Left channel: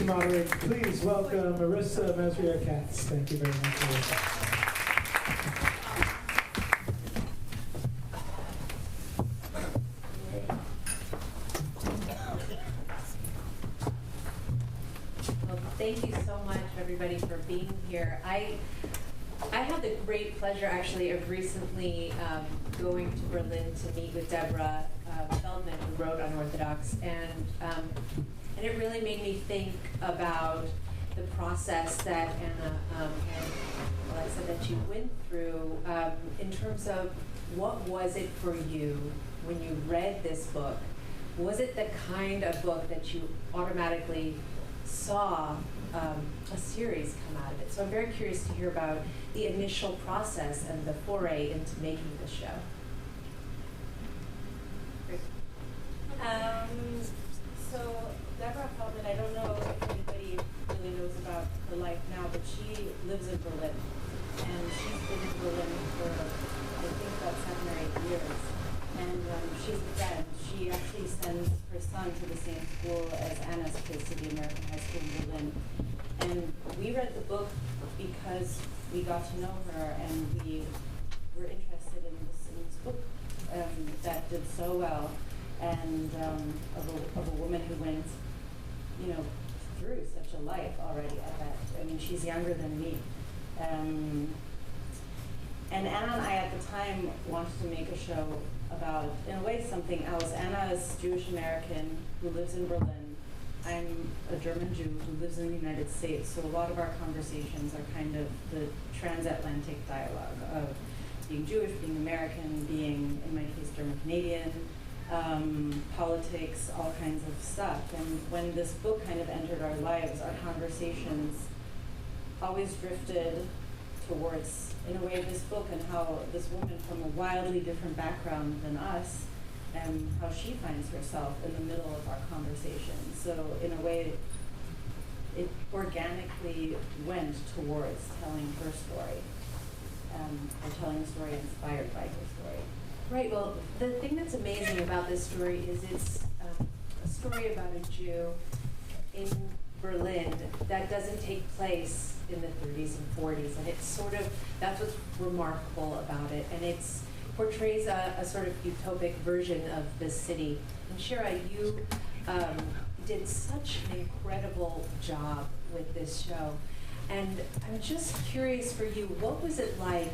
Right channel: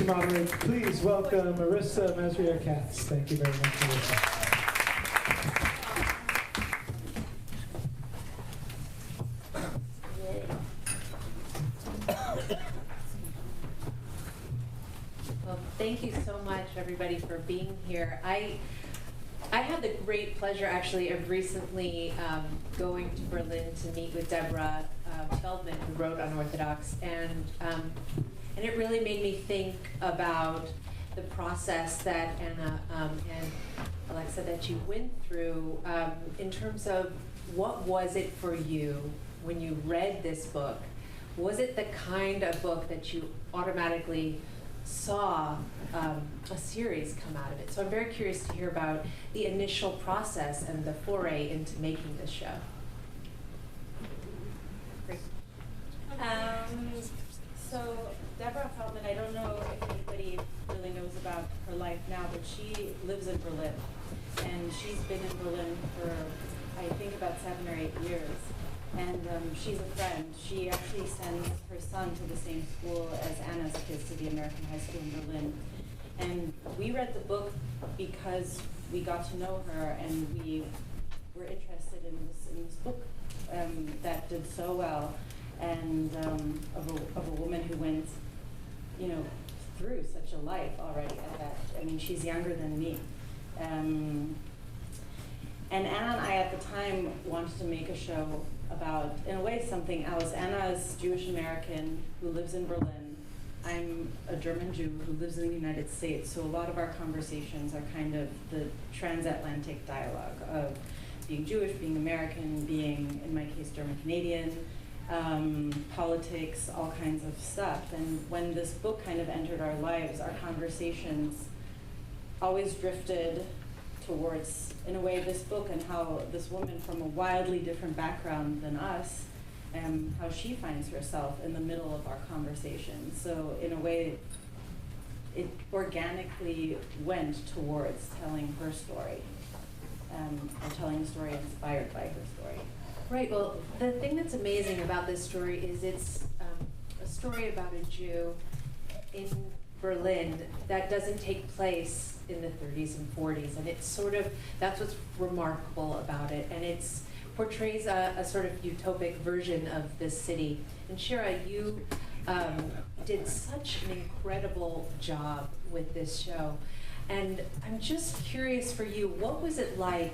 to moderate. Please welcome Marissa Masrier-Katz. Thank you very much, Marissa. Well, thank you so much, everybody, for being here. I had the great pleasure, actually, of recently going to Berlin to meet with Deborah Feldman, who wrote Unorthodox, and it really made me think about the process that Anna and Alexa that you went through in terms of what was it for you when you read this book? Was it the kind of book that you automatically saw a series come out of it? So I'm very curious to hear about the initial process and the foray into making this show. Great. So Deborah Feldman, I don't know if anybody really knows about her life now, but she lives in Berlin. And she's been in Berlin for, I think, about 7 or 8 years. And she's a friend. She actually sends her son to the same school as Anna's kids, to the American High School in Berlin. And we read the book because we got to know her and we were interested in this book that did so well, and of a woman who went, through such a life already at that. I mean, she's younger than me. And Anna and I at the time wanted to make a show about, in a way, something else. Anna is Jewish American who lives in Berlin. I'm a German Jew who lives in the United States, so a lot of our conversations are kind of the transatlantic dialogue of being Jewish, being American, being, in my case, German-Canadian, politics, all kinds of stuff. And when this book kind of entered our lives, our conversations always drifted towards, in a way, this book and how this woman from a wildly different background than us, and how she finds herself in the middle of our conversation. So in a way, it organically went towards telling her story, or telling a story inspired by her story. Right, well, the thing that's amazing about this story is it's a story about a Jew in Berlin that doesn't take place in the 30s and 40s, and it's sort of, that's what's remarkable about it, and it's portrays a sort of utopic version of this city. And Shira, you did such an incredible job with this show, and I'm just curious for you, what was it like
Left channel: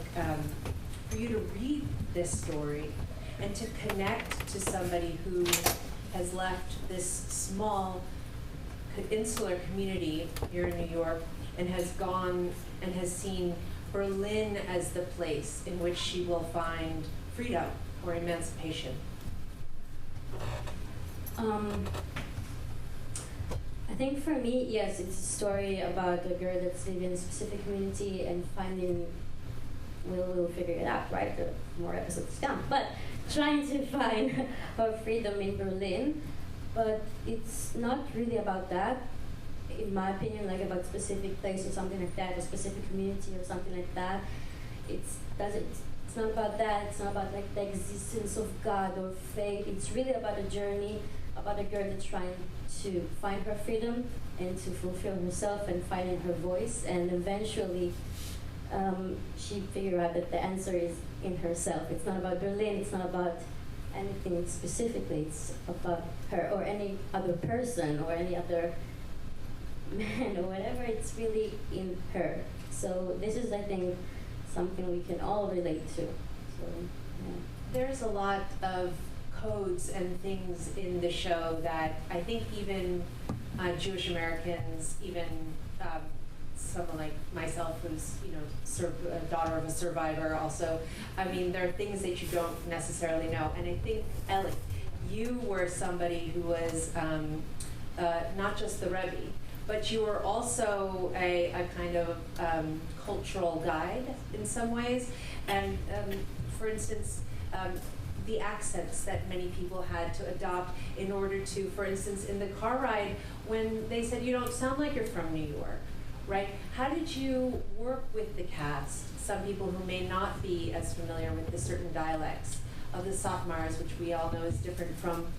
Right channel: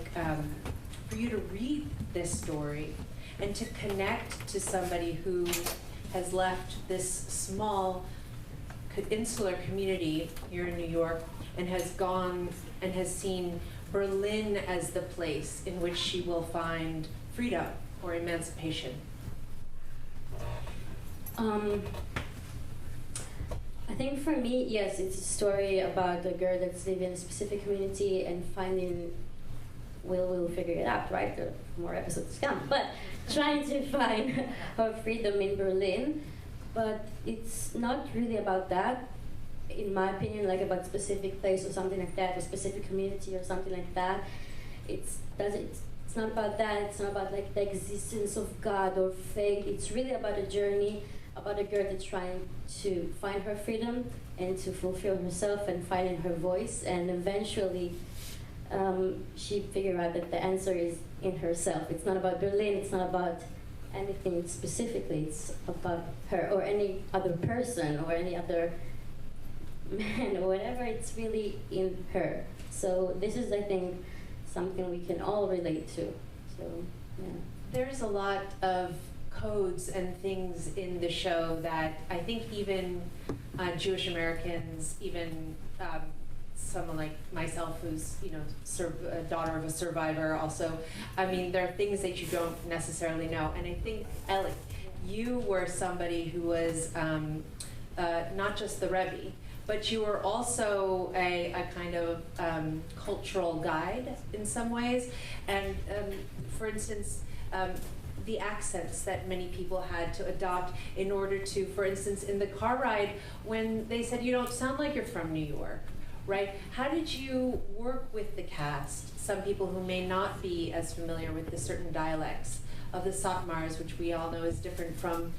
for you to read this story and to connect to somebody who has left this small insular community here in New York and has gone and has seen Berlin as the place in which she will find freedom or emancipation? I think for me, yes, it's a story about a girl that's living in a specific community and finding, we'll figure it out, right? There are more episodes to come. But trying to find her freedom in Berlin. But it's not really about that, in my opinion, like about specific place or something like that, or specific community or something like that. It's not about that. It's not about like the existence of God or faith. It's really about a journey, about a girl that's trying to find her freedom and to fulfill herself and finding her voice. And eventually, she figured out that the answer is in herself. It's not about Berlin. It's not about anything specifically. It's about her or any other person or any other man or whatever. It's really in her. So this is, I think, something we can all relate to. So, yeah. There's a lot of codes and things in the show that I think even Jewish Americans, even someone like myself who's, a daughter of a survivor also, I mean, there are things that you don't necessarily know. And I think, Alex, you were somebody who was not just the Rebbe, but you were also a kind of cultural guide in some ways. And for instance, the accents that many people had to adopt in order to, for instance, in the car ride, when they said, you don't sound like you're from New York, right? How did you work with the cast, some people who may not be as familiar with the certain dialects of the Satmars, which we all know is different from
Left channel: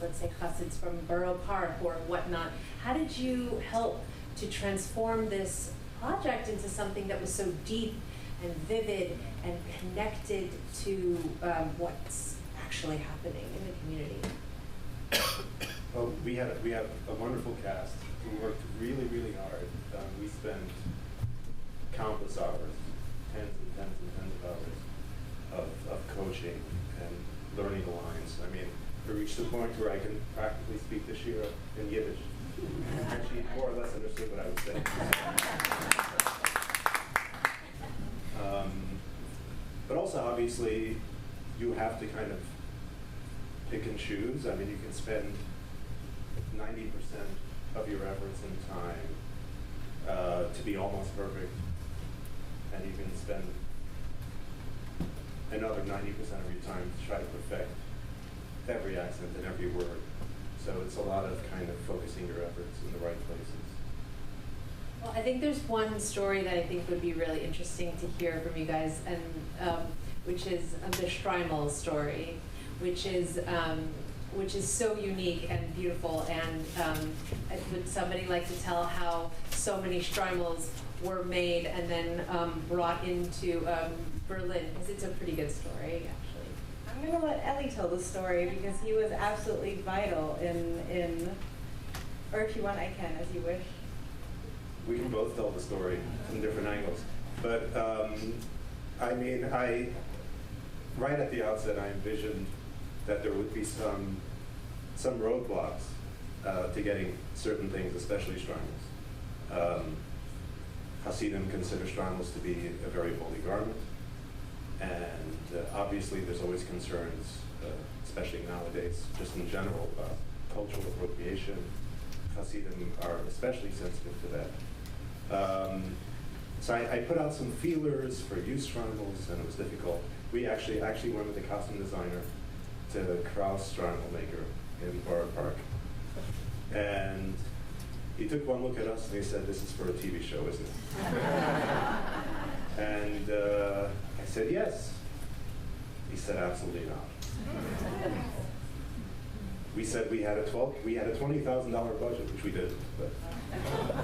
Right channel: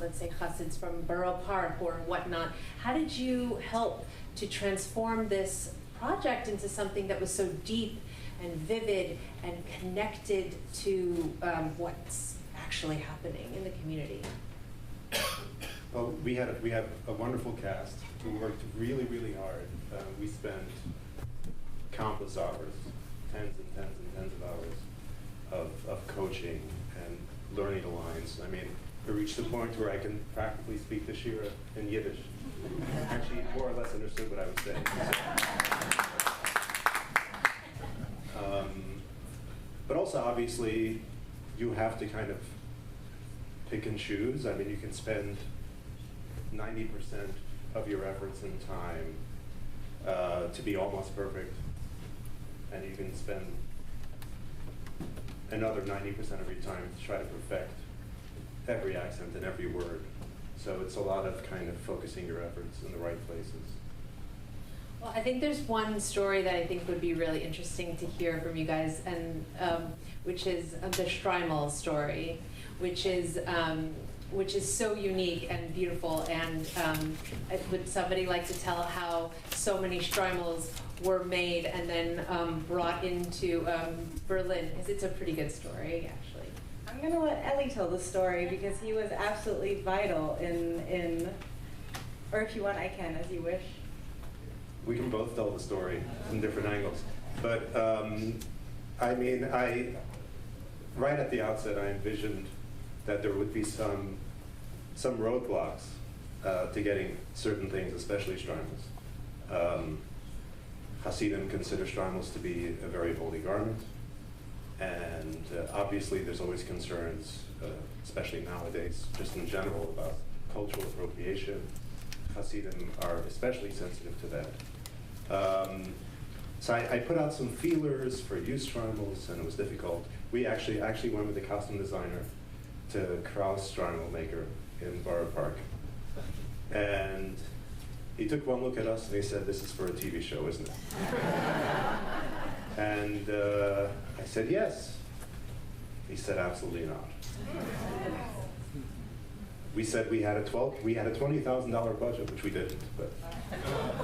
let's say Chassids from Borough Park or whatnot. How did you help to transform this project into something that was so deep and vivid and connected to what's actually happening in the community? Well, we had a wonderful cast who worked really, really hard. We spent countless hours, tens and tens and tens of hours of coaching and learning the lines. I mean, to reach the point where I can practically speak to Shira in Yiddish. And she more or less understood what I was saying. But also, obviously, you have to kind of pick and choose. I mean, you can spend 90% of your efforts and time to be almost perfect, and you can spend another 90% of your time to try to perfect every accent and every word. So it's a lot of kind of focusing your efforts in the right places. Well, I think there's one story that I think would be really interesting to hear from you guys, and which is the Streimel story, which is so unique and beautiful. And would somebody like to tell how so many Streimels were made and then brought into Berlin? Because it's a pretty good story, actually. I'm going to let Ellie tell the story because he was absolutely vital in, or if you want, I can, as you wish. We can both tell the story from different angles. But I mean, right at the outset, I envisioned that there would be some roadblocks to getting certain things, especially Streimels. Hasidim consider Streimels to be a very holy garment. And obviously there's always concerns, especially nowadays, just in general, about cultural appropriation. Hasidim are especially sensitive to that. So I put out some feelers for used Streimels, and it was difficult. We actually went with the costume designer to Kraus Streimel maker in Borough Park. And he took one look at us and he said, "This is for a TV show, isn't it?" And I said, "Yes." He said, "Absolutely not." We said we had a $20,000 budget, which we didn't. But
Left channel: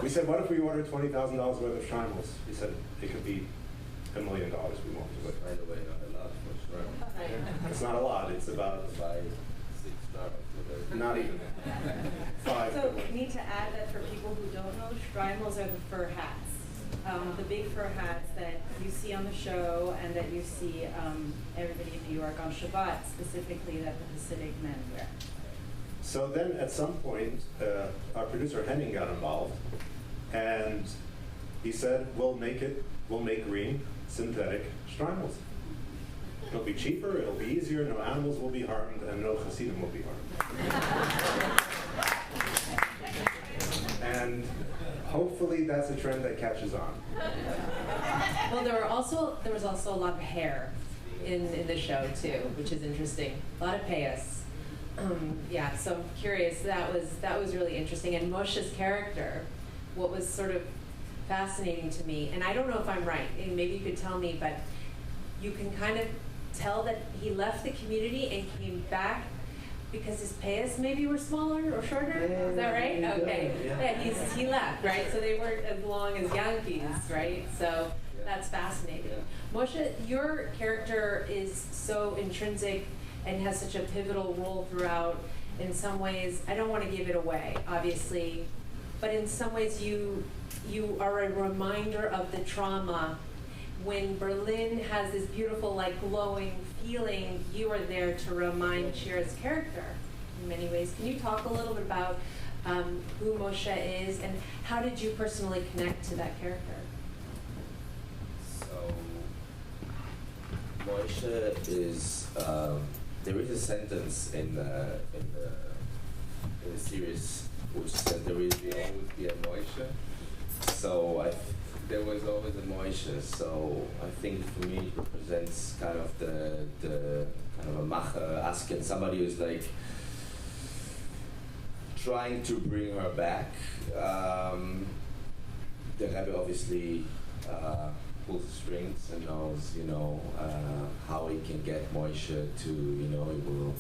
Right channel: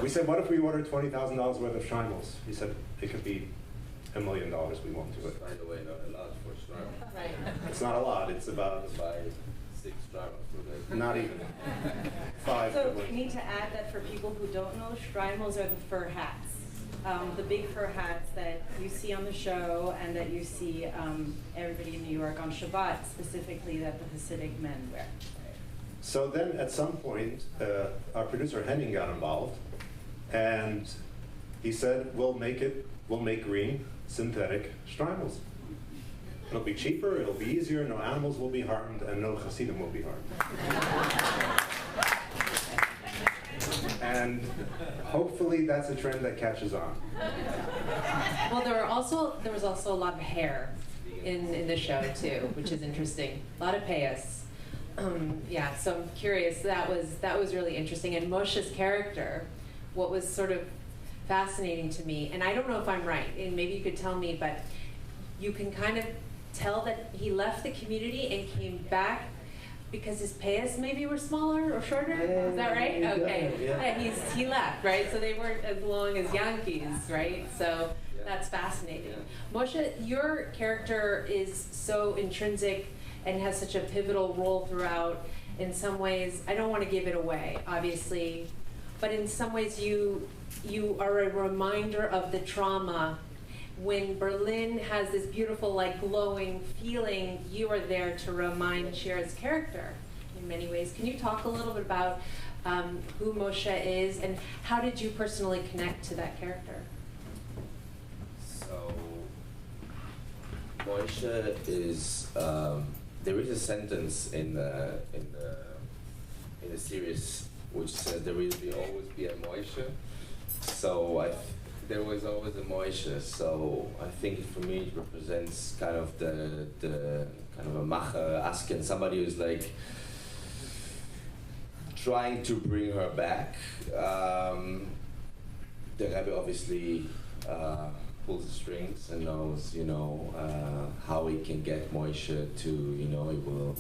we said, "What if we ordered $20,000 worth of Streimels?" He said, "It could be $1 million. We won't do it." By the way, not a lot for Streimel. Right. It's not a lot. It's about 5, 6 Streimels. not even 5. So we need to add that for people who don't know, Streimels are the fur hats. The big fur hats that you see on the show and that you see everybody in New York on Shabbat, specifically that the Hasidic men wear. So then at some point, our producer Henning got involved, and he said, we'll make green synthetic Streimels. It'll be cheaper, it'll be easier, no animals will be harmed, and no Hasidim will be harmed. And hopefully that's a trend that catches on. Well, there was also a lot of hair in the show too, which is interesting. A lot of payas. Yeah, so I'm curious. That was really interesting. And Moshe's character, what was sort of fascinating to me, and I don't know if I'm right, and maybe you could tell me, but you can kind of tell that he left the community and came back because his payas maybe were smaller or shorter. Is that right? Okay. Yeah, he left, right? So they weren't as long as Yankees, right? So that's fascinating. Moshe, your character is so intrinsic and has such a pivotal role throughout. In some ways, I don't want to give it away, obviously, but in some ways you are a reminder of the trauma. When Berlin has this beautiful, like, glowing feeling, you are there to remind Shira's character in many ways. Can you talk a little bit about who Moshe is and how did you personally connect to that character? So, Moshe is, there is a sentence in the series which says there will always be a Moshe. So there was always a Moshe. So I think for me it represents kind of the kind of a macher asking somebody who's like trying to bring her back. The Rebbe obviously pulls the strings and knows, how he can get Moshe to, he will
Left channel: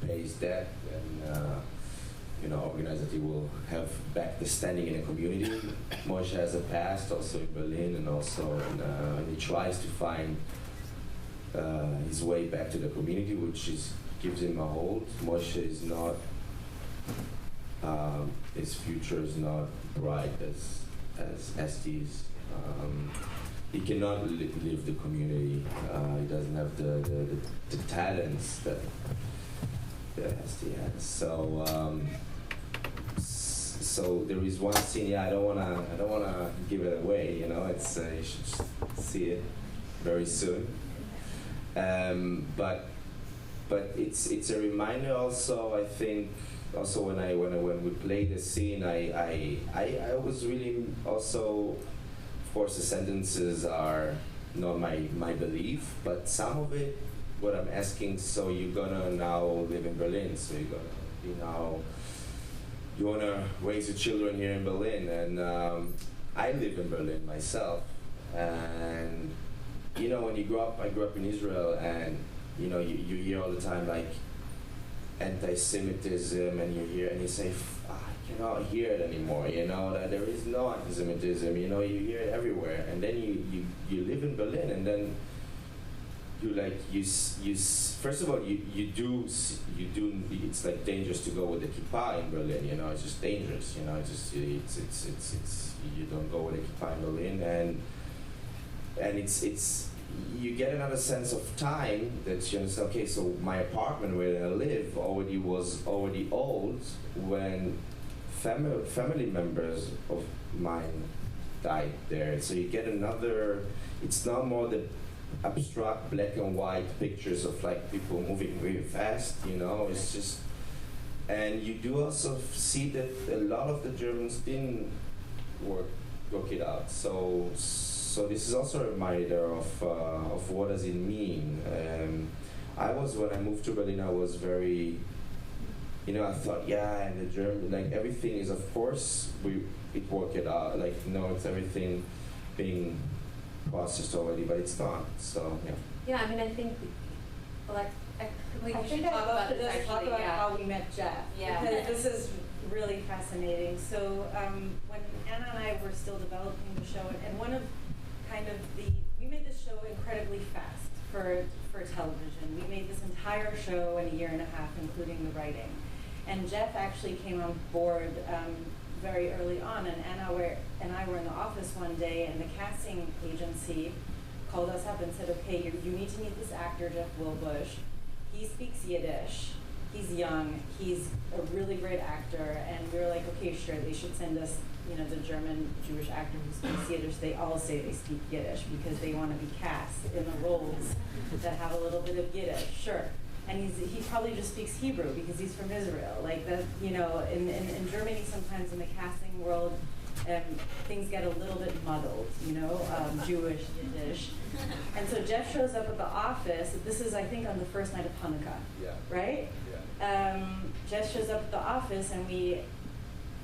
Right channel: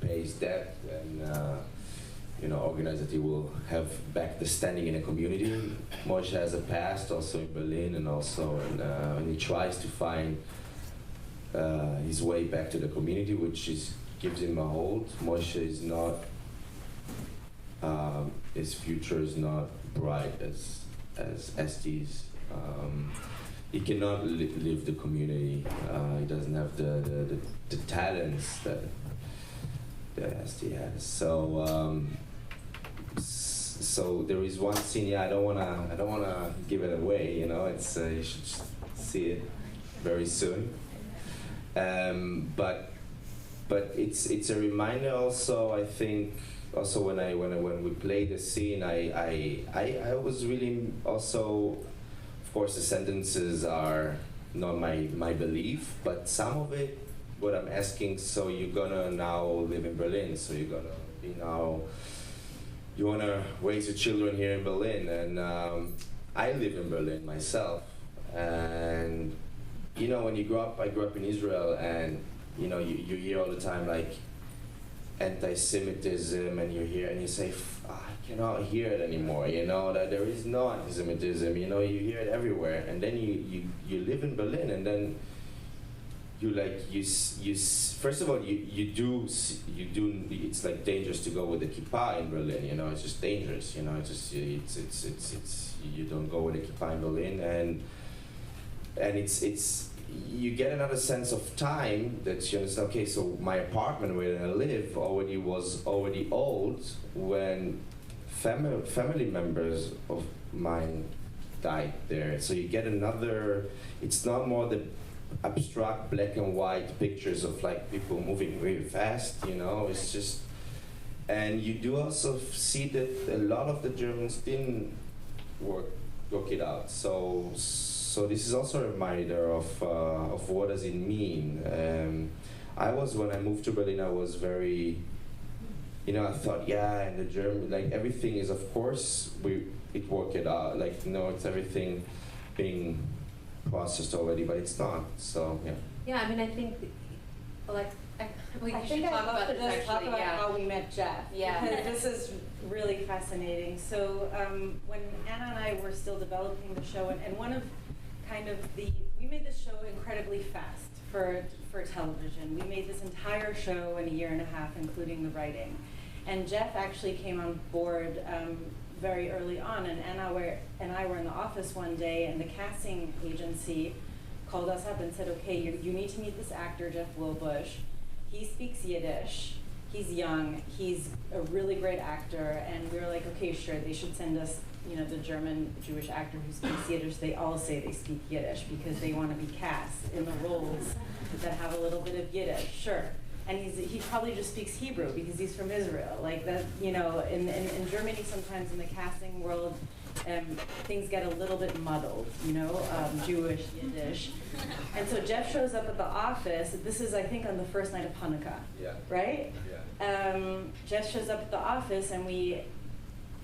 pays debt and organize that he will have back the standing in the community. Moshe has a past also in Berlin, and also and he tries to find his way back to the community, which gives him a hold. Moshe is not, his future is not bright as Esti's. He cannot live the community. He doesn't have the talents that Esti has. So there is one scene. Yeah, I don't wanna give it away. It's you should see it very soon. But it's a reminder also. I think also when we play the scene, I was really also. Of course, the sentences are not my belief, but some of it, what I'm asking. So you're gonna now live in Berlin. So you're gonna be now. You want to raise your children here in Berlin, and I live in Berlin myself. And when you grow up, I grew up in Israel, and you hear all the time like anti-Semitism, and you hear and you say, I cannot hear it anymore. That there is no anti-Semitism. You hear it everywhere, and then you live in Berlin, and then. First of all, you do. It's like dangerous to go with the kippah in Berlin. It's just dangerous. It's you don't go with the kippah in Berlin, and it's you get another sense of time that you understand. Okay, so my apartment where I live was already old when family members of mine died there. So you get another. It's not more the abstract black and white pictures of like people moving really fast, it's just, and you do also see that a lot of the Germans didn't work it out. So this is also a reminder of what does it mean. When I moved to Berlin, I was very, I thought, yeah, and the German, like everything is, of course, it worked it out. Like, it's everything being processed already, but it's not. So yeah. Yeah, I think we I should think talk I'd love about to this just actually. talk about Yeah. how we met Jeff. Yeah. Because this is really fascinating. So when Anna and I were still developing the show, and one of we made this show incredibly fast for television. We made this entire show in a year and a half, including the writing. And Jeff actually came on board very early on, and Anna and I were in the office one day, and the casting agency called us up and said, okay, you need to meet this actor, Jeff Bluebush. He speaks Yiddish. He's young. He's a really great actor. And we were like, okay, sure, they should send us, the German Jewish actor who speaks Yiddish. They all say they speak Yiddish because they want to be cast in the roles that have a little bit of Yiddish. Sure. And he probably just speaks Hebrew because he's from Israel. Like that, in Germany sometimes in the casting world, things get a little bit muddled, Jewish, Yiddish. And so Jeff shows up at the office. This is, I think, on the first night of Hanukkah, right? Yeah. Jeff shows up at the office, and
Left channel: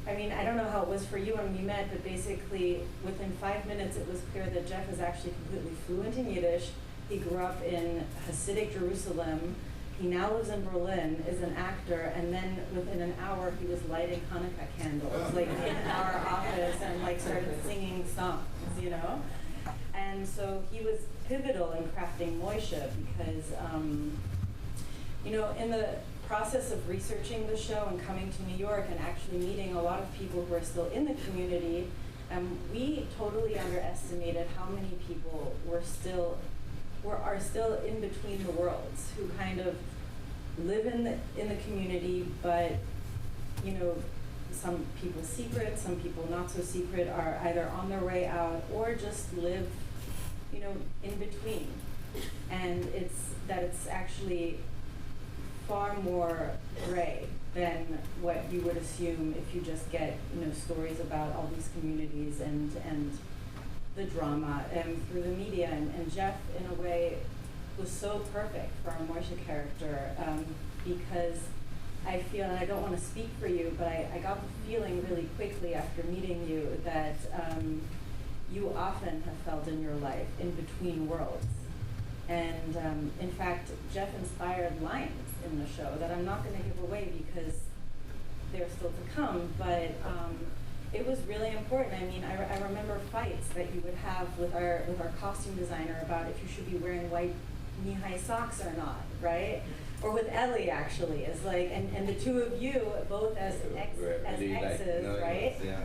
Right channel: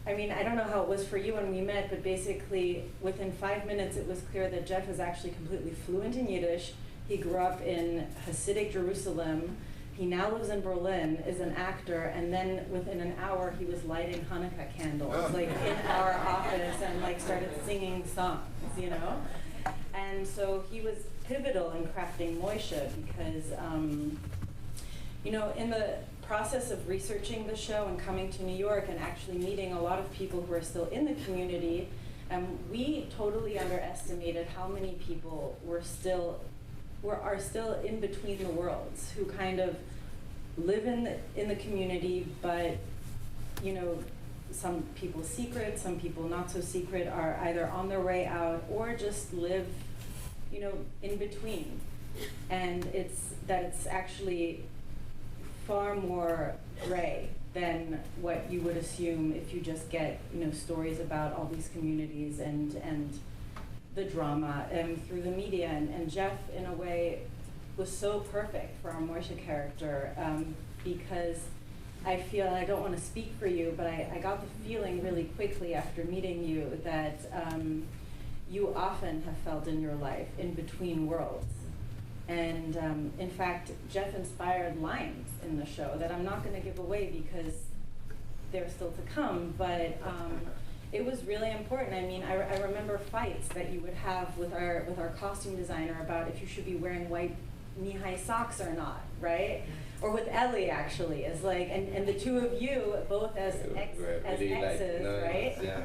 I don't know how it was for you when we met, but basically within 5 minutes it was clear that Jeff is actually completely fluent in Yiddish. He grew up in Hasidic Jerusalem. He now lives in Berlin, is an actor, and then within an hour he was lighting Hanukkah candles, like in our office, and like started singing songs, And so he was pivotal in crafting Moshe because, in the process of researching the show and coming to New York and actually meeting a lot of people who are still in the community, we totally underestimated how many people are still in between the worlds, who kind of live in the community, but some people secret, some people not so secret, are either on their way out or just live in between. And it's actually far more gray than what you would assume if you just get stories about all these communities and the drama through the media. And Jeff, in a way, was so perfect for our Moshe character because I feel, and I don't want to speak for you, but I got the feeling really quickly after meeting you that you often have felt in your life in between worlds. And in fact, Jeff inspired lines in the show that I'm not going to give away because they're still to come, but it was really important. I mean, I remember fights that you would have with our costume designer about if you should be wearing white knee-high socks or not, right? Or with Ellie, actually, is like, and the two of you, both as really exes, like, right? Yeah.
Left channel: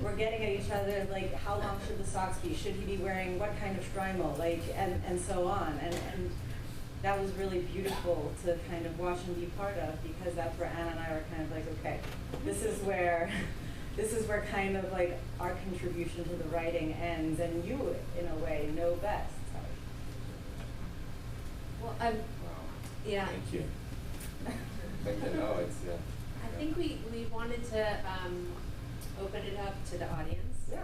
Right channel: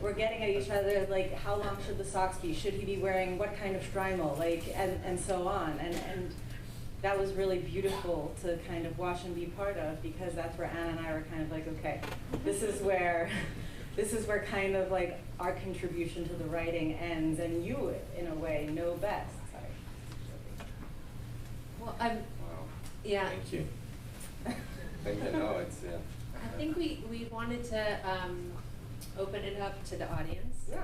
We're getting at each other, like, how long should the socks be? Should he be wearing what kind of strimal? Like, and so on. And that was really beautiful to kind of watch and be part of, because that's where Anna and I were kind of like, okay, this is where kind of like our contribution to the writing ends, and you, in a way, know best. Well, Wow. yeah. Thank you. Thank you. No, it's yeah. I think we wanted to open it up to the audience. Yeah.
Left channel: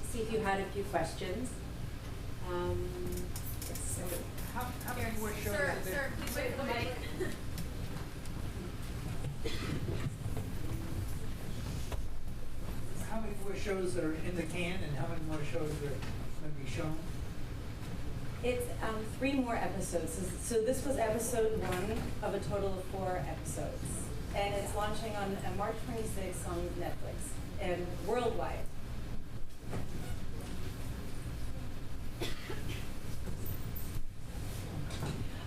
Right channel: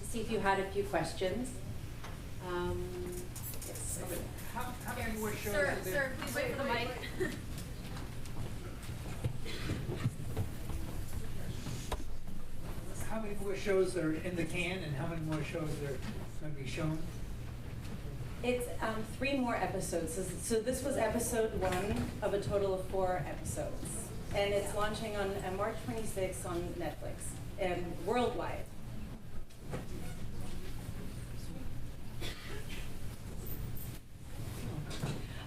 To see if you had a few questions. Yes. How many more shows Sir, are there? sir, please wait for the mic. How many more shows are in the can, and how many more shows are going to be shown? It's 3 more episodes. So this was episode 1 of a total of 4 episodes. And it's launching on March 26th on Netflix and worldwide.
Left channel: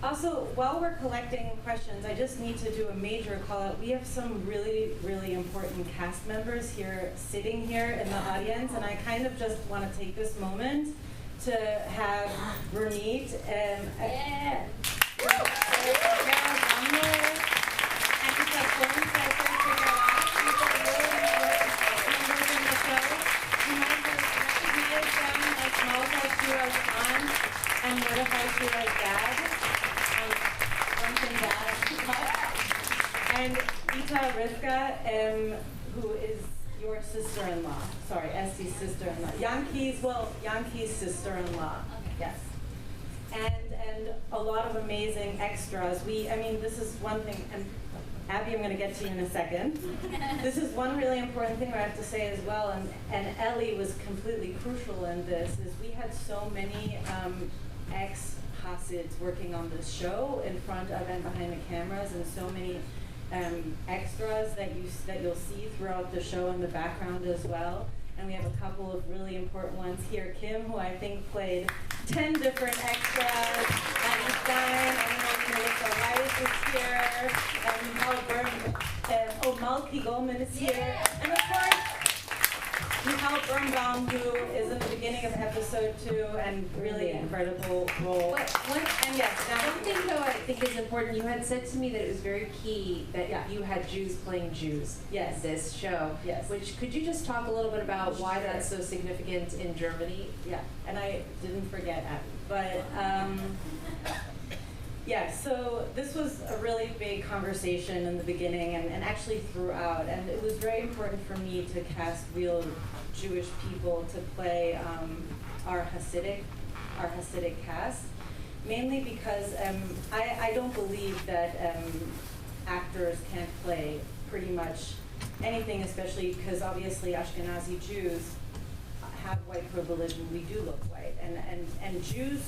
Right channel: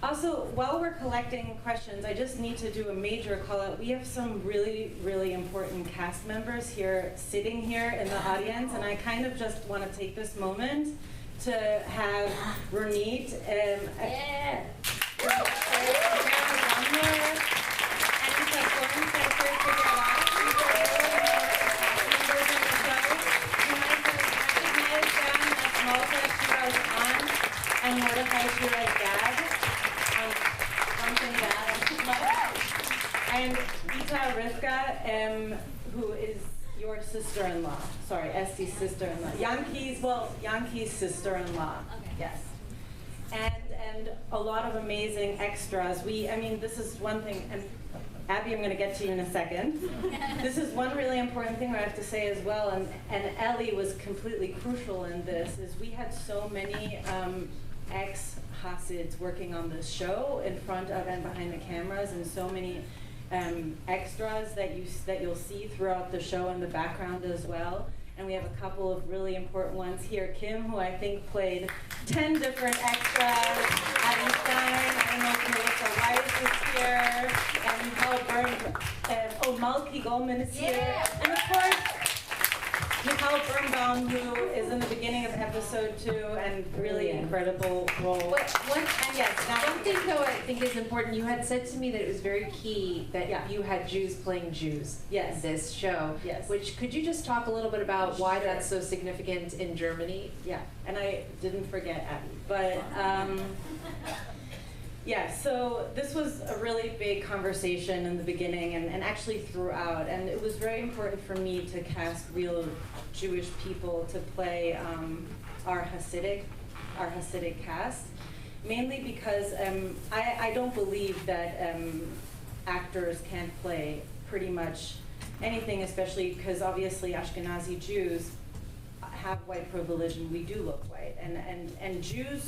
Also, while we're collecting questions, I just need to do a major call out. We have some really, really important cast members here, sitting here in the audience, and I kind of just want to take this moment to have Ronit and and Mordechai Shira's dad, and Ita Rivka, who is your sister-in-law. Sorry, Esti's sister-in-law. Yankee's sister-in-law. Okay. Yes. And a lot of amazing extras. I mean, this is one thing, and Abby, I'm going to get to you in a second. This is one really important thing I have to say as well, and Ellie was completely crucial in this, is we had so many ex-Hasids working on this show in front of and behind the cameras, and so many extras that you'll see throughout the show in the background as well. And we have a couple of really important ones here. Kim, who I think played 10 different extras. Abby Stein, I don't know if Melissa Weiss is here. And Michal Malky Goldman is here. And of course, Michal Birnbaum, who is in the beginning of episode 2 and really incredible role. And yes, now One thing though I think is important, you had said to me that it was very key that Yeah. you had Jews playing Jews Yes. in this show. Yes. Which, could you just talk a little bit about why Sure. that's so significant in Germany? Yeah, and I didn't forget Abby, but yeah, so this was a really big conversation in the beginning and actually throughout, and it was very important for me to cast real Jewish people to play our Hasidic cast, mainly because I don't believe that actors can't play pretty much anything, especially because obviously Ashkenazi Jews have white privilege and we do look white, and Jews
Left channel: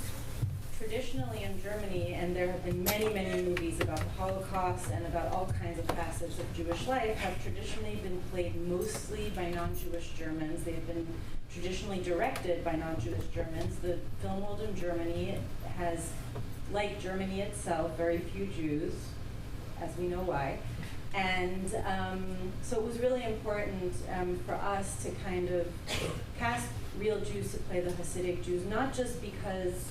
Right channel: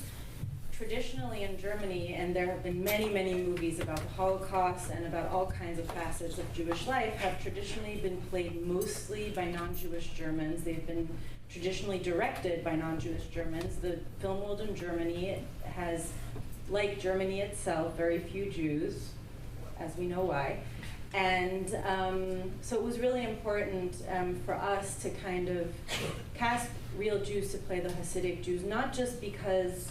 traditionally in Germany, and there have been many, many movies about the Holocaust and about all kinds of facets of Jewish life, have traditionally been played mostly by non-Jewish Germans. They've been traditionally directed by non-Jewish Germans. The film world in Germany has, like Germany itself, very few Jews, as we know why. And so it was really important for us to kind of cast real Jews to play the Hasidic Jews, not just because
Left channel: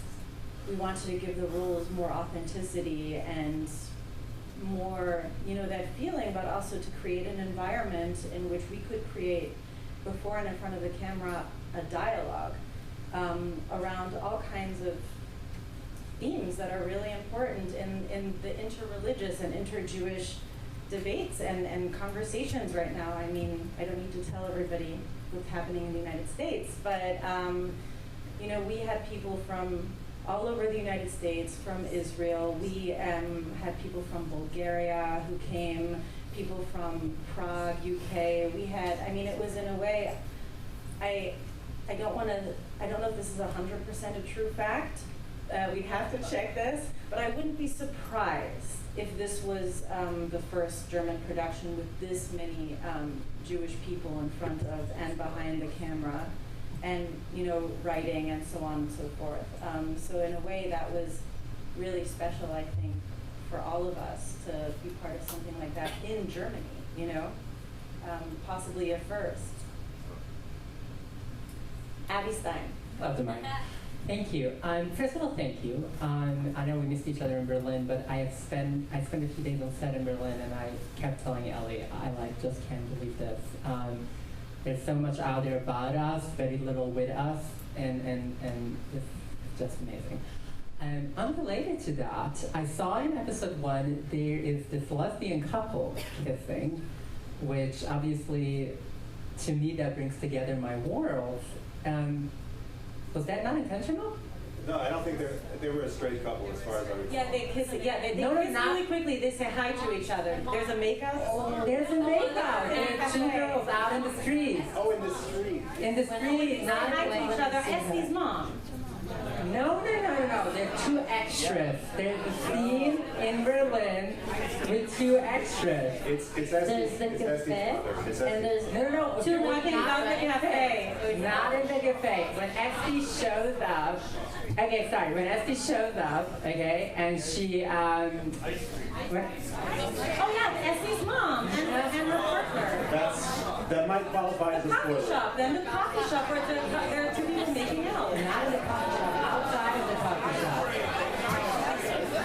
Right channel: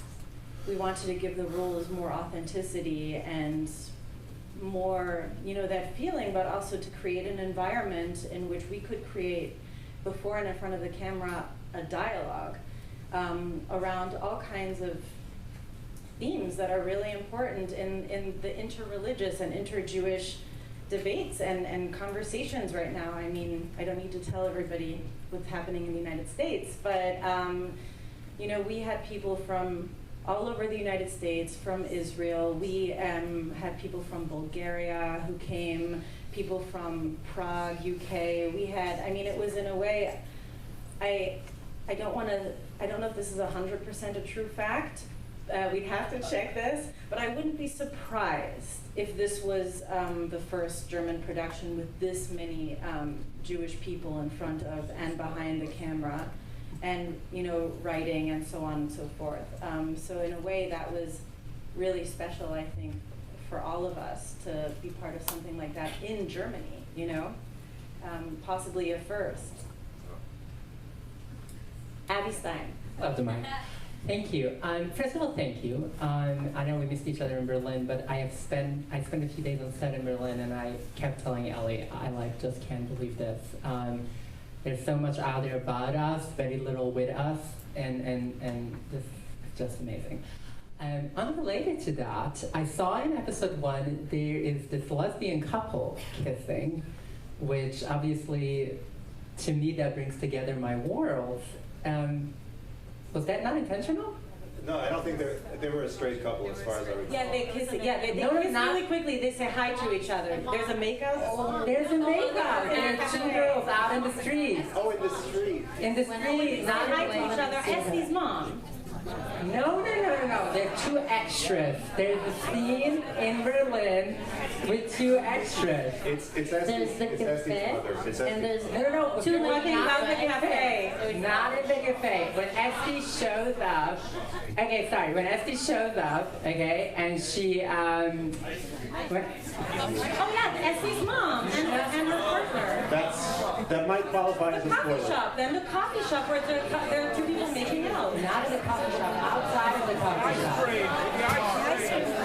we wanted to give the roles more authenticity and more, that feeling, but also to create an environment in which we could create, before and in front of the camera, a dialogue around all kinds of themes that are really important in the interreligious and inter-Jewish debates and conversations right now. I mean, I don't need to tell everybody what's happening in the United States, but we had people from all over the United States, from Israel. We had people from Bulgaria who came, people from Prague, UK. We had, it was in a way, I don't know if this is 100% a true fact, we'd have to check this, but I wouldn't be surprised if this was the first German production with this many Jewish people in front of and behind the camera, and writing and so on and so forth. So in a way, that was really special, I think, for all of us to be part of something like that in Germany. Possibly a first. Abby Stein. Love the mic. Thank you. First of all, thank you. I know we missed each other in Berlin, but I spent a few days on set in Berlin, and I kept telling Ellie, I just can't believe this. There's so much out there about us, very little with us, and this is just amazing. Unrelated to that, I saw in episode 1 there is this lesbian couple kissing, which obviously, to me, that brings together my worlds. Was that not intentional? No, I don't think they were a straight couple as far as I recall. Yeah, they kiss. Yeah, they No, kiss not- really quickly. They say hi to each other. There's a makeout. There's a makeout. There are 2 girls out in the streets. Oh, in the street. In the street, Say not hi in to each other. Estie's mom. No. There are 2 extras. There's a scene in Berlin with 2 extras. It's There's Estie's the mother. cafe, It's and Estie's. there's No. We're talking about the cafe. Not in the cafe. When Esty shows up, when Esty shows up, and she, Oh yeah, Estie's mom and her partner. That might qualify as The a coffee spoiler. shop. Then the coffee shop where there are 2 people making out. not in the coffee shop, outside of the coffee shop.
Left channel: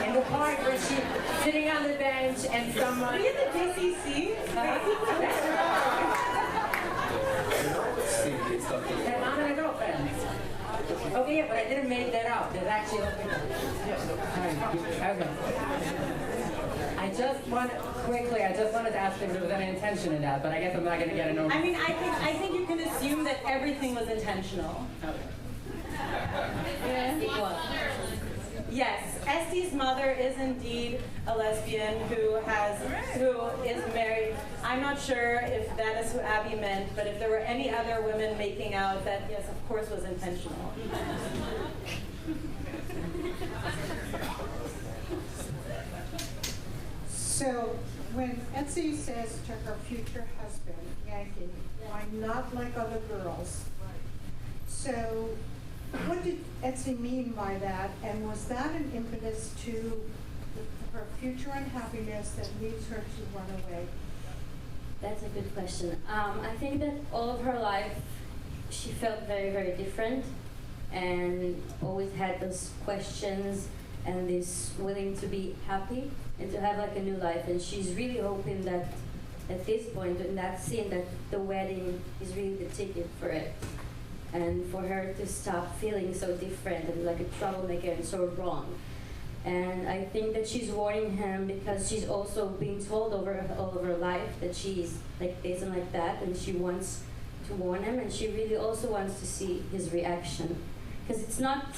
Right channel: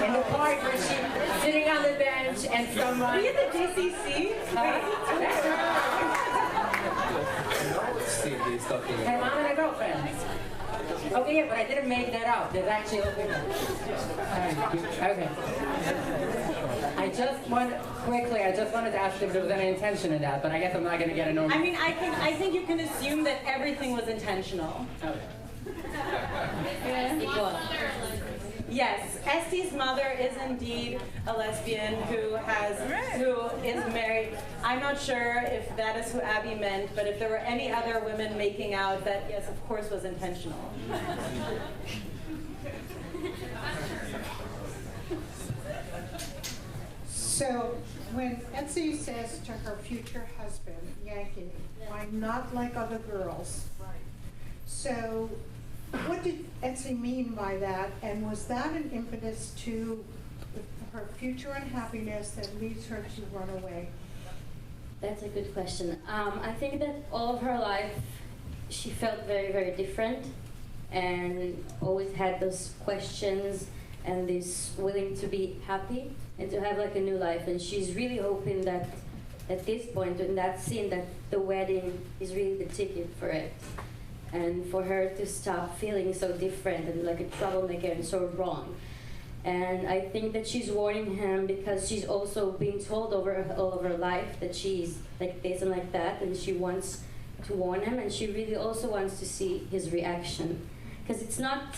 In the park where she's sitting on the bench and someone... Are you at the DCC? Steve is talking Hey, about. mom and a girlfriend. Okay, yeah, but I didn't make that up. There's actually a picture. Okay. I just wanted to ask if there was any intention in that, but I guess I'm not going to get an over. I mean, I think you can assume that everything was intentional. it was. Yes, Estie's mother is indeed a lesbian who is married. I'm not sure if that is who Abby meant, but if there were any other women making out, that yes, of course, was intentional. So when Etsy says to her future husband, Yankee, I'm not like other girls. So what did Etsy mean by that? And was that an impetus to her future unhappiness that leads her to run away? That's a good question. I think that all of her life she felt very, very different and always had those questions and this willing to be happy and to have like a new life. And she's really hoping that at this point in that scene that the wedding is really the ticket for it. And for her to stop feeling so different and like a troublemaker and so wrong. And I think that she's warning him because she's also being told all of her life that she's like this and like that, and she wants to warn him, and she really also wants to see his reaction. Because it's not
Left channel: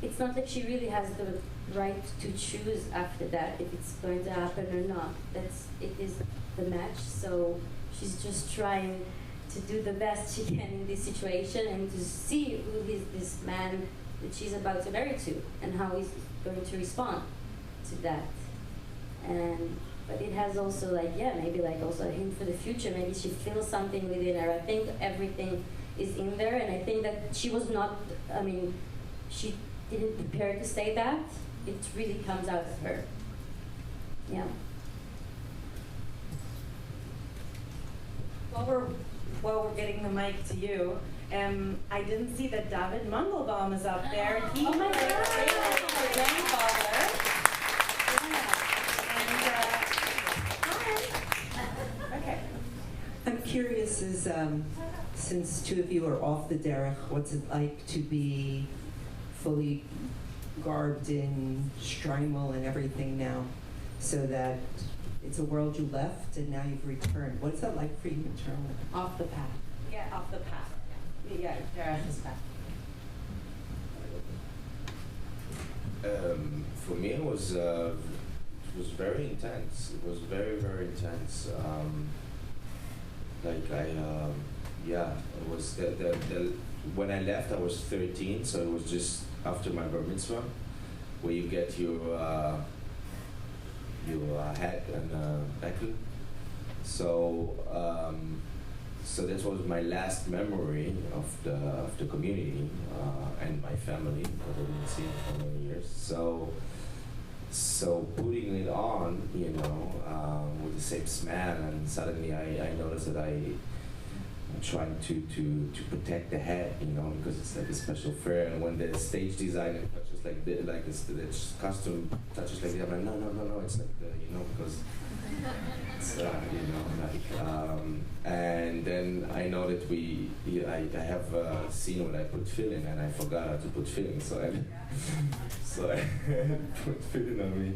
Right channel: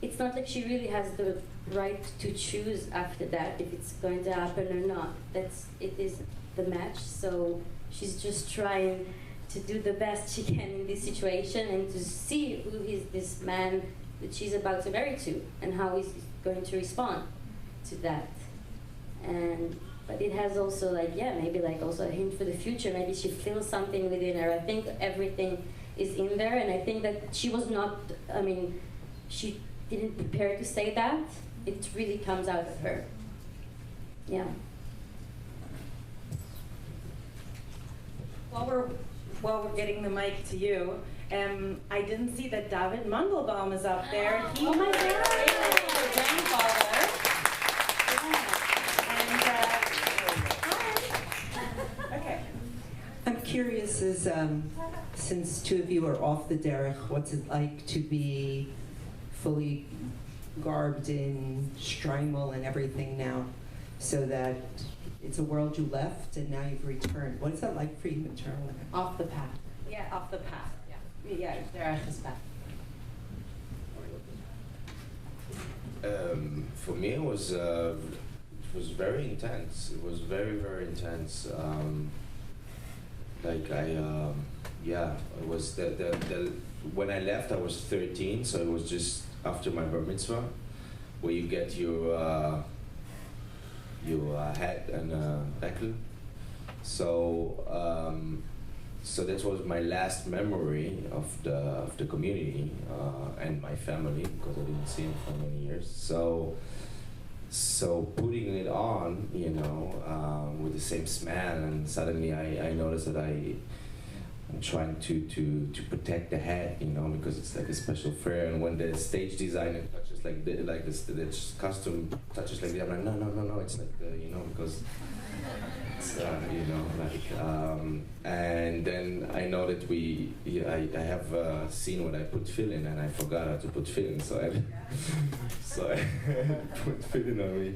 like she really has the right to choose after that if it's going to happen or not. It is the match, so she's just trying to do the best she can in this situation and to see who is this man that she's about to marry to and how he's going to respond to that. But it has also maybe also a hint for the future. Maybe she feels something within her. I think everything is in there, and I think that she was not, she didn't prepare to say that. It really comes out of her. Yeah. While we're getting the mic to you, I didn't see that David Mandelbaum is up there. He Oh my played God! her grandfather. Hi. Okay. I'm curious, since 2 of you are off the derech, what's it like to be fully garbed in Streimel and everything now, so that it's a world you left and now you've returned. What's that like for you internally? Off the path. Yeah, off the path. Yeah, Derech is back. For me, it was very intense. It was very, very intense. It was the when I left, I was 13, so it was just after my bar mitzvah, where you get your hat and bekel. So that was my last memory of the community and my family, because I didn't see them for many years. So putting it on, you know, with the same smell, and suddenly I noticed that I'm trying to protect the hat, you know, because it's like a special fair. And when the stage designer touches like the costume touches like that, I'm like, no, it's like the, you know, because it's, you know, like, and then I know that I have a scene when I put fill in, and I forgot how to put fill in, so I put fill in on me,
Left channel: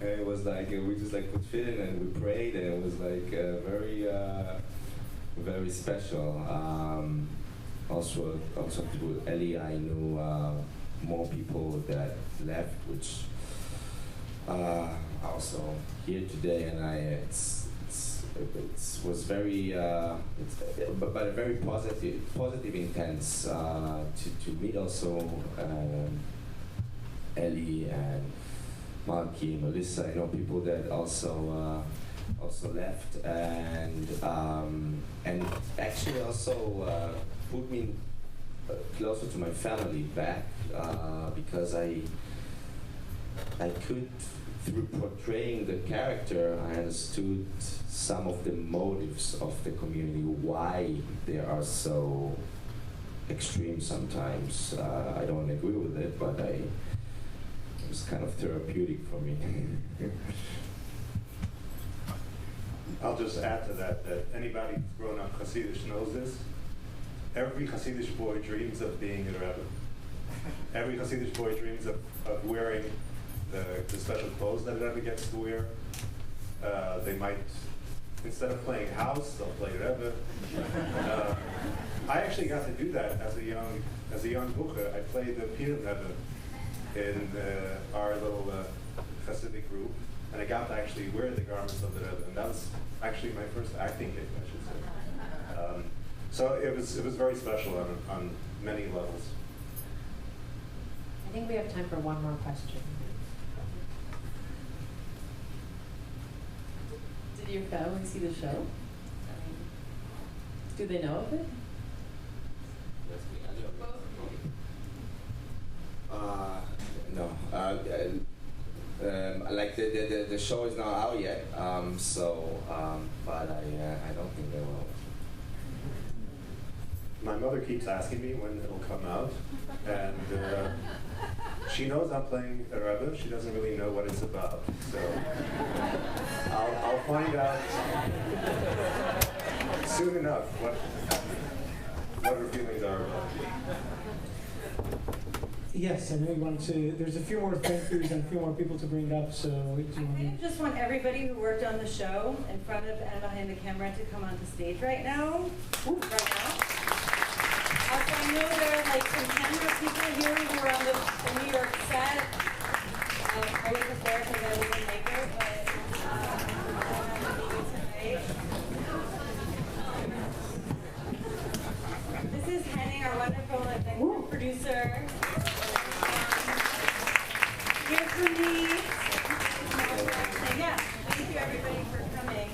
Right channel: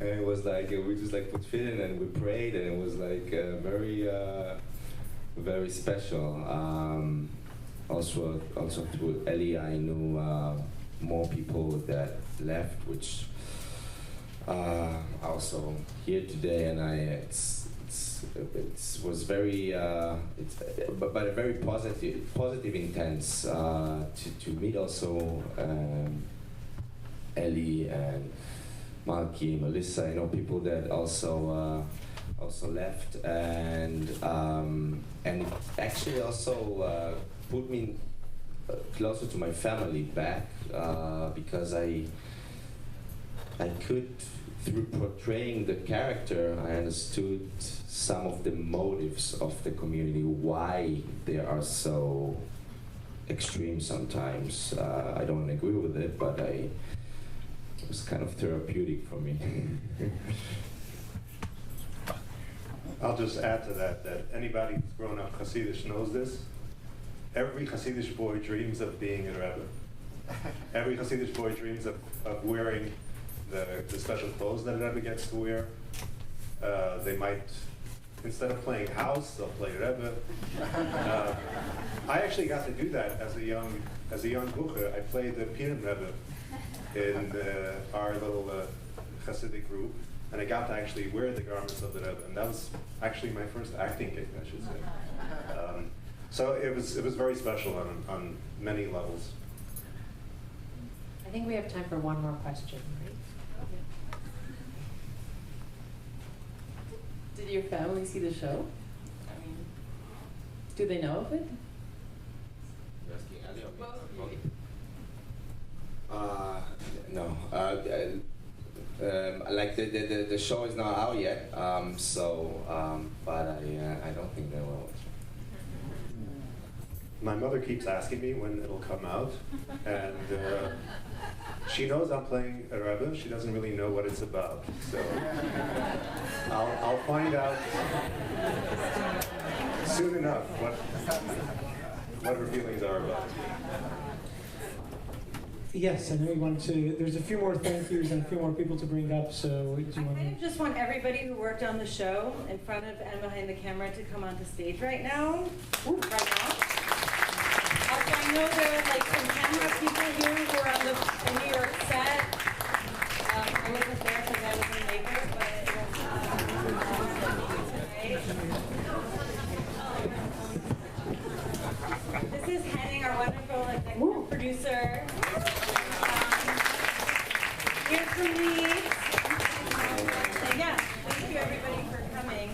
and it was like, we just like put fill in and we prayed, and it was like very special. Also through Ellie, I knew more people that left, which also here today, and it was very, but a very positive intense to meet also Ellie and Malky, Melissa. I know people that also left, and actually also put me closer to my family back, because I could, through portraying the character, I understood some of the motives of the community, why they are so extreme sometimes. I don't agree with it, but it was kind of therapeutic for me. I'll just add to that anybody who's grown up Hasidish knows this. Every Hasidish boy dreams of being a Rebbe. Every Hasidish boy dreams of wearing the special clothes that a Rebbe gets to wear. They might, instead of playing house, they'll play Rebbe. I actually got to do that as a young bucher. I played the Purim Rebbe in our little Hasidic group, and I got to actually wear the garments of the Rebbe, and that was actually my first acting gig, I should say. So it was very special on many levels. I think we have time for one more question. Did your family see the show? I mean, do they know of it? No. Like the show is not out yet, but I don't think they will. My mother keeps asking me when it'll come out, and she knows I'm playing a Rebbe. She doesn't really know what it's about, so I'll find out soon enough what her feelings are about it. Yes, I know you wanted to. There's a few more thank yous and a few more people to bring up, so do you want I just want everybody who worked on the show in front of and behind the camera to come onto stage right now. Right now. Also, I know there are like some camera people here who are on the New York set. I wasn't there because I was in Lakers, but this is Henning, our wonderful executive producer. Here's for me. And yeah, thank you everybody for coming.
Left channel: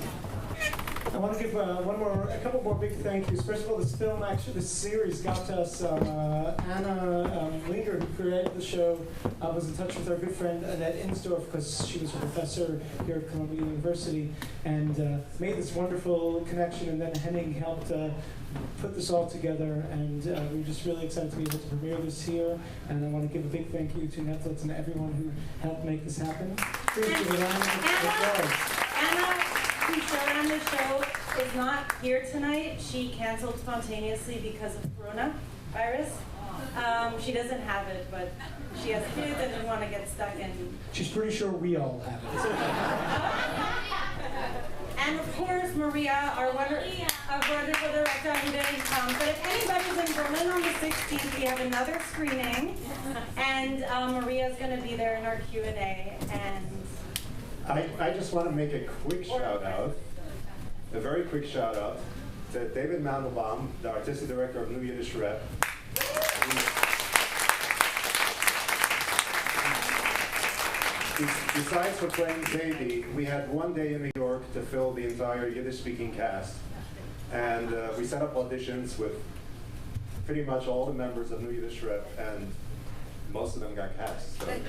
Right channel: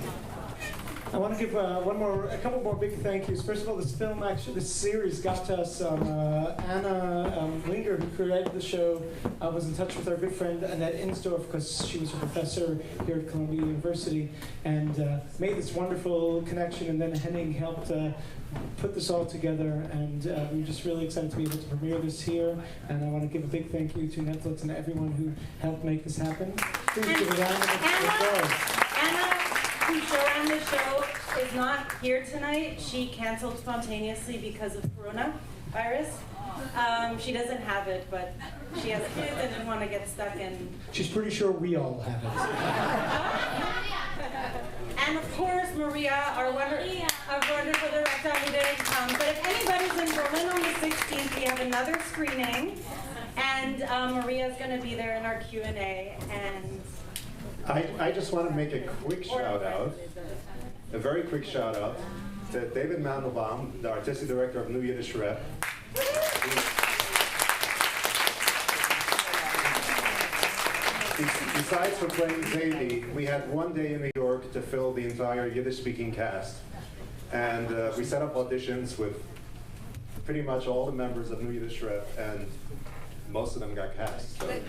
I want to give a couple more big thank yous. First of all, this series got to us. Anna Linger, who created the show, was in touch with our good friend Annette Insdorf, because she was a professor here at Columbia University, and made this wonderful connection. And then Henning helped put this all together, and we're just really excited to be able to premiere this here. And I want to give a big thank you to Netflix and everyone who helped make this happen. Please give a round of applause. Anna, who showed the show, is not here tonight. She canceled spontaneously because of coronavirus. She doesn't have it, but she has kids and didn't want to get stuck in. She's pretty sure we all have it. And of course, Maria, our wonderful director, who didn't come. But if anybody's in Berlin on the 16th, we have another screening, and Maria's going to be there in our Q&A. And I just want to make a quick shout out, a very quick shout out to David Mandelbaum, the artistic director of New Yiddish Rep. besides for playing Zadie, we had one day in New York to fill the entire Yiddish-speaking cast. And we set up auditions with pretty much all the members of New Yiddish Rep, and most of them got cast. So. And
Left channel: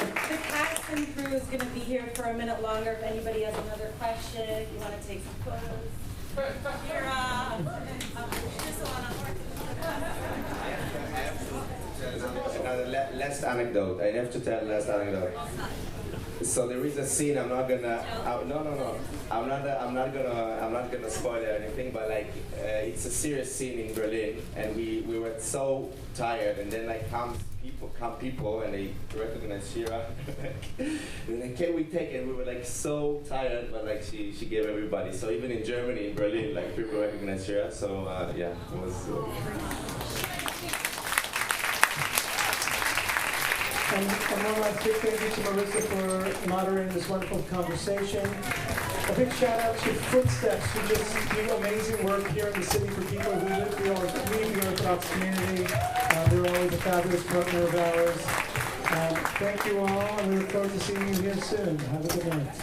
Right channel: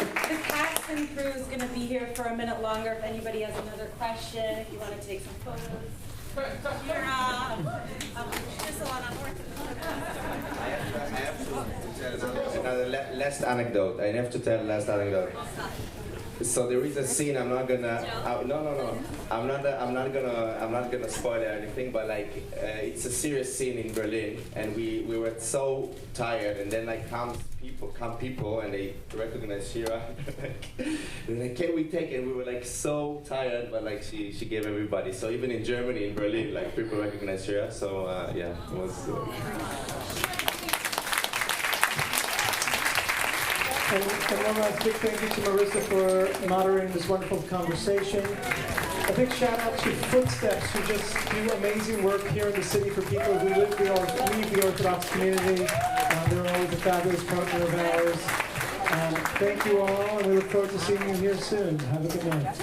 the cast and crew is going to be here for a minute longer if anybody has another question, if you want to take some photos. Shira. Another last anecdote. I have to tell last anecdote. So there is a scene. I'm not gonna. No. I'm not gonna spoil it or anything. But like, it's a serious scene in Berlin, and we were so tired, and then like come people, and they recognize Shira. They're like, can we take it? And we were like so tired, but like she gave everybody. So even in Germany, in Berlin, like people recognize Shira. So yeah, it was. And one last big thank you to Marissa for moderating this wonderful conversation. A big shout out to Footsteps, who just do amazing work here in the city for people who leave the Orthodox community. They're always a fabulous partner of ours. Thank you all, and we look forward to seeing you here soon. Have a good night.